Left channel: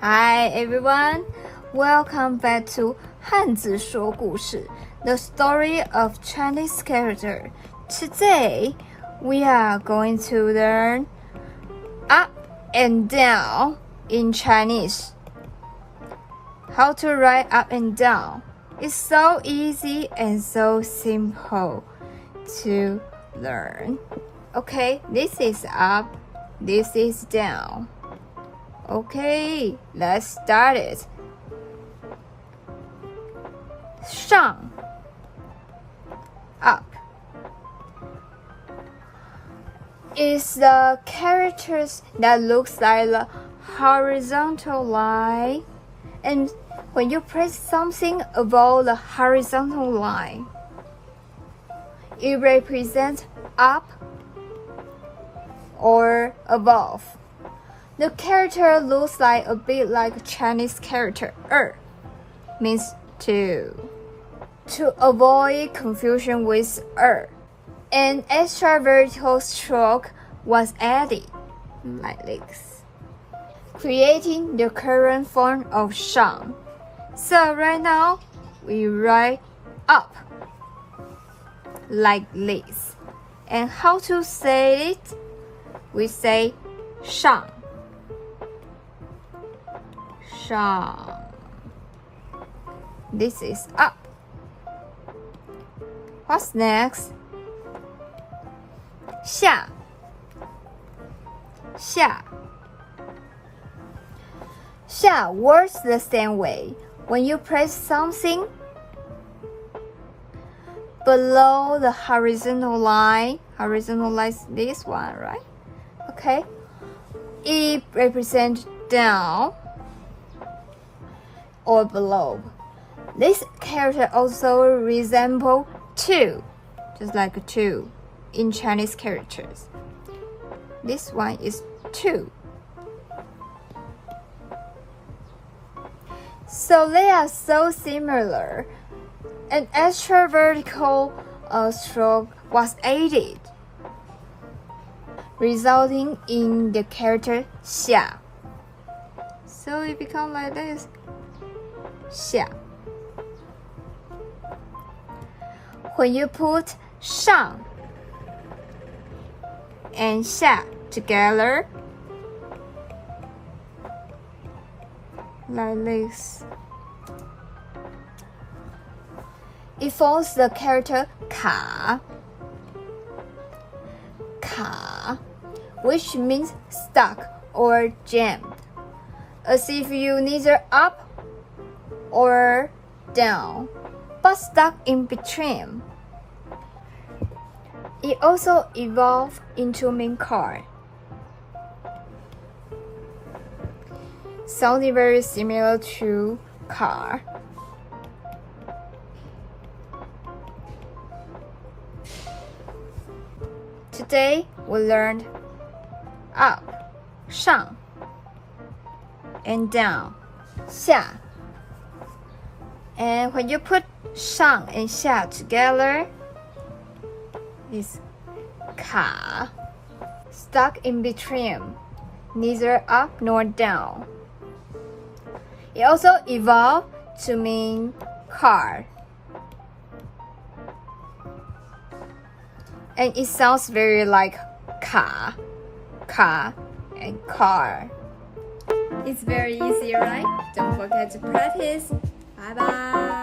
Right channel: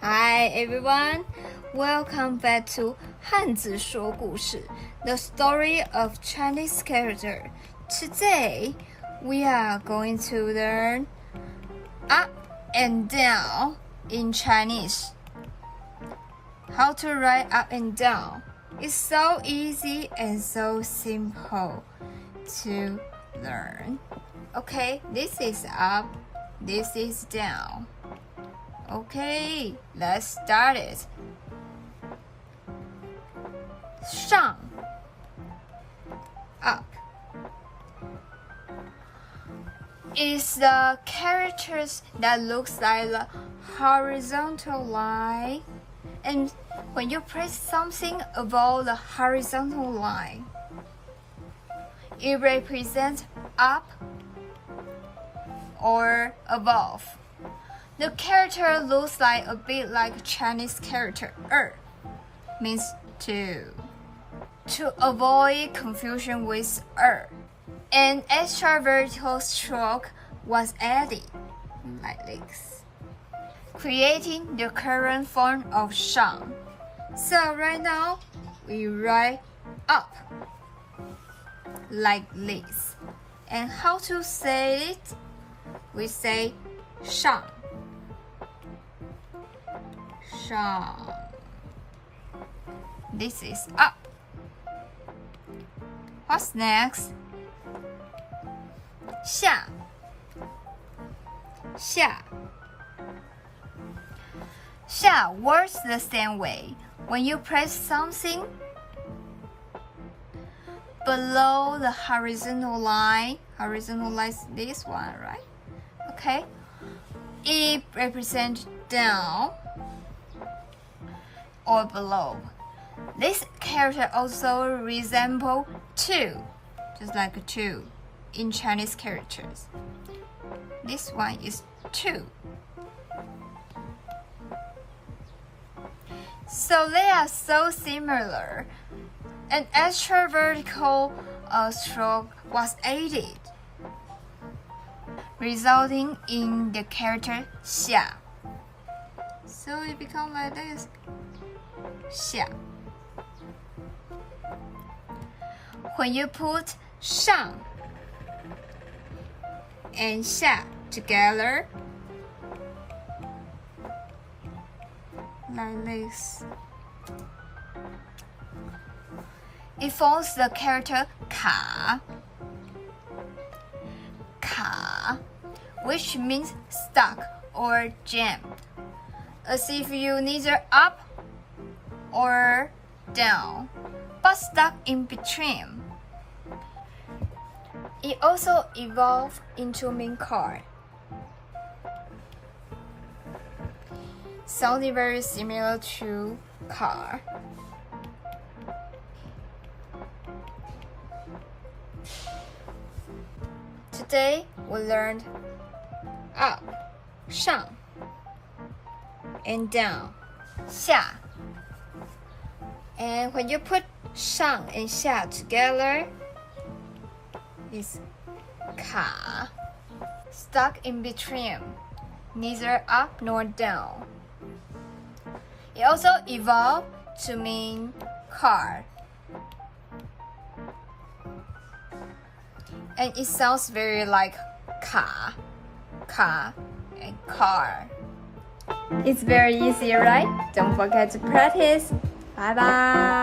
Hi everyone, welcome back to 汉字说故事 The story of Chinese character. Today, we are going to learn up and down in Chinese. How to write up and down. It's so easy and so simple to learn. Okay, this is up, this is down. Okay, let's start it. 上 up is the characters that looks like the horizontal line, and when you press something above the horizontal line, it represents up or above. The character looks like a bit like a Chinese character means two. To avoid confusion with an extra vertical stroke was added, like this, creating the current form of 上. So right now, we write up like this. And how to say it? We say 上. 上. This is up. What's next? 下 works the same way. When you press something below the horizontal line is this one, right? Okay. It represents down or below. This character also resembles two, just like a two in Chinese characters. This one is two. So they are so similar. An extra vertical stroke was added, resulting in the character 下. So it becomes like this. 下. When you put 上 and 下 together, like this, it forms the character 卡, which means stuck or jammed, as if you neither up or down, but stuck in between. It also evolved into main card, sounding very similar to car. Today we learned up, 上, and down, 下. And when you put 上 and 下 together, it's 卡, stuck in between, neither up nor down. It also evolved to mean car. And it sounds very like 卡, and car. It's very easy, right? Don't forget to practice. Bye bye.